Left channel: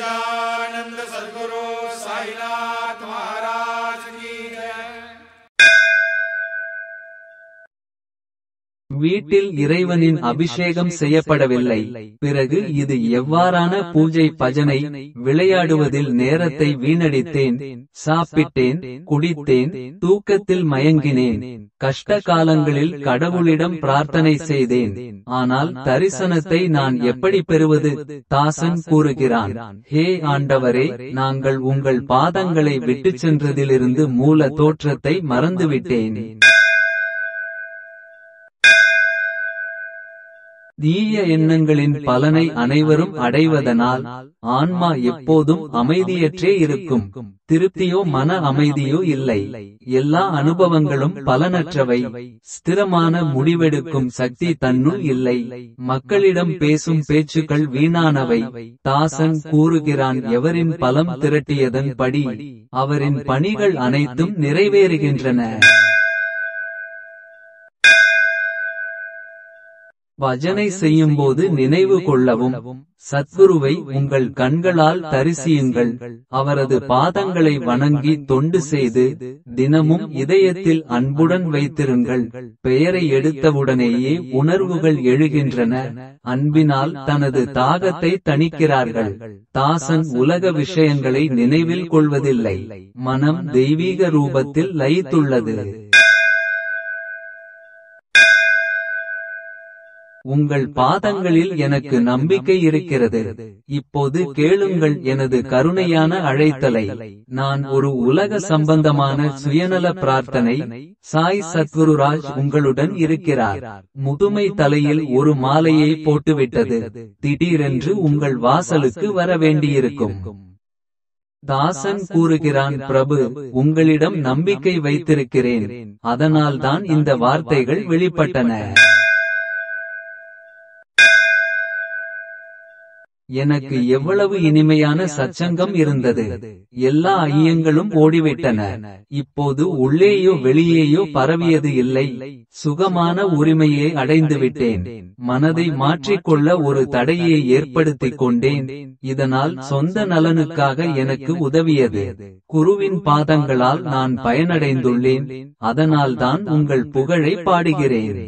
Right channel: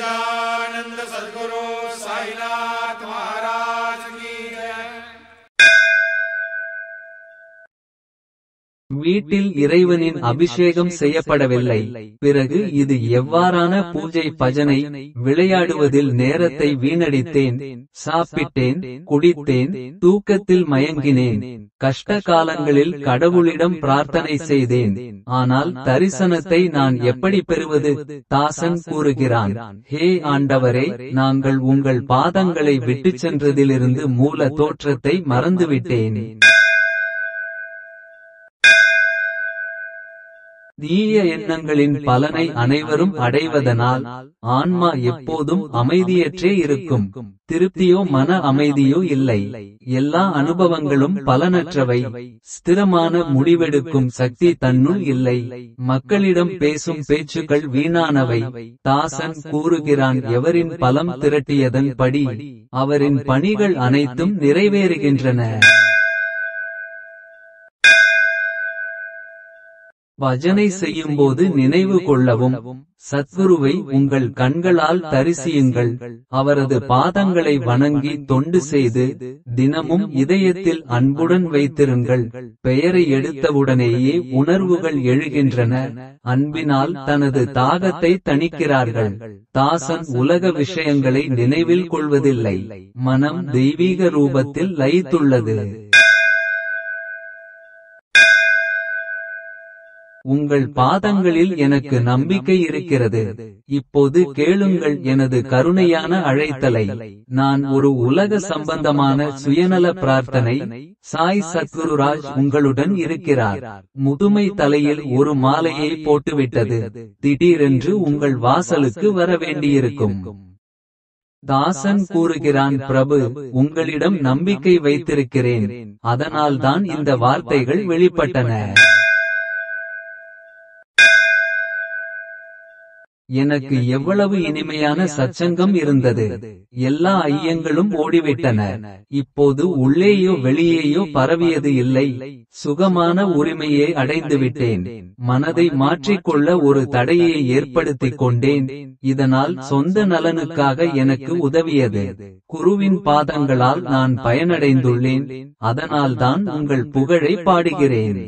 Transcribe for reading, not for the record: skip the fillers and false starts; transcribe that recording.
सच्चिदानंद सद्गुरु साईनाथ महाराज की जय। வீட்டில் இறைவனின் அபிஷேகம் செய்யப்படவில்லை. பிறகு இது எவ்வாறான பூஜை பஜனை? விளையாடுவதில் நேரத்தை வீணடித்தேன். சாப்பிட்டேன், குடித்தேன், தூக்கத்தில் மயங்கினேன். கஷ்ட காலங்களில் கடவுளிடம் பிரார்த்தனை செய்தேன். ஆனால் தரிசனத்தை நான் எப்படி பெறுவது? தாசன் கூறுகிறான், ஹே ஆண்டவரே, நாங்கள் உங்கள் பாதங்களை விட்டுச் சென்றதிலிருந்து மூல தோற்றத்தை மறந்துவிட்டேன். தீய எண்ணங்களின் பலனை அனைவரும் அடைவதனால் ஆன்மா எப்போதும் அமைதியற்றே இருக்கும். திருப்தியோ மன அமைதியோ இல்லை. எல்லா அனுபவங்களும் பலனற்றவை. ஸ்திரமான முடிவெடுக்கும் சக்தி தன்னுள் இல்லை. மக்களிடம் பேசும் பேச்சுக்கள் வீணானவை. தாசன் கூறுகிறான், எவரின் பலம் திரட்டியதன் படி அவரின் பணிகள் அனைத்தும் நிறைவேறுகின்றன. பஜனை செய்யும்போது நினைவு கொள்ளவும். சத்குருவை உங்கள் கண்களால் தரிசியுங்கள். அவரது பாதங்களை வணங்கி தொண்டு செய்து தினமும் இதயத்தில் அன்புடன் வைத்திருங்கள். பெயரை எடுத்தவுடனேயே உணர்வுகள் எழுகின்றன. அன்பினால் தனது தாகத்தை தணிக்கிறார்கள். தாசன் உலக விஷயங்களை நினைவில் கொள்வதில்லை. மனம் தெய்வீக ரூபத்தில் லயித்துள்ளது. உங்கள் பாதங்களில் எனக்கு நம்பிக்கை இருக்கிறது. இப்போது கேளுங்கள் எனது கருணையான அழைத்தலை. நான் ஒரு உலக சம்பந்தமான சுயநல பிரார்த்தனை. சாய் சத்குருராஜ் உங்களுடன் இருக்கிறார். முதுமை தலையில் ஒரு மாலையை போட்டுவிட்டது. திடீரென்று உங்கள் வாசலுக்கு வர வேண்டியிருக்கும். தாசன் கூறுகிறான், பிரபு, உங்களிடம் நம்பிக்கை வைத்திருக்கிறேன். அதனால்தான் இந்த வார்த்தைகள் வெளிப்பட்டன. எனக்கு எவ்வளவு இனிமையான சச்சங்கம் இருந்தது. எல்லா ஐயங்களும் ஓடிவிட்டன. இப்போது உள்ளேயோ வெளியேயோ பரவியது இல்லை. சுகமான உரிமையை அடைந்துவிட்டேன். மனதை மாற்றிக்கொள்ள ஒரு தடையை ஏற்படுத்திக் கொண்டேன். இதனால் சொந்த நலனுக்காக எனக்கு உதவியது குருவின் பாதங்களால் நான் பயனடைந்துள்ளேன். அதனால்தான் உங்கள் புகழை பாடுகிறேன்.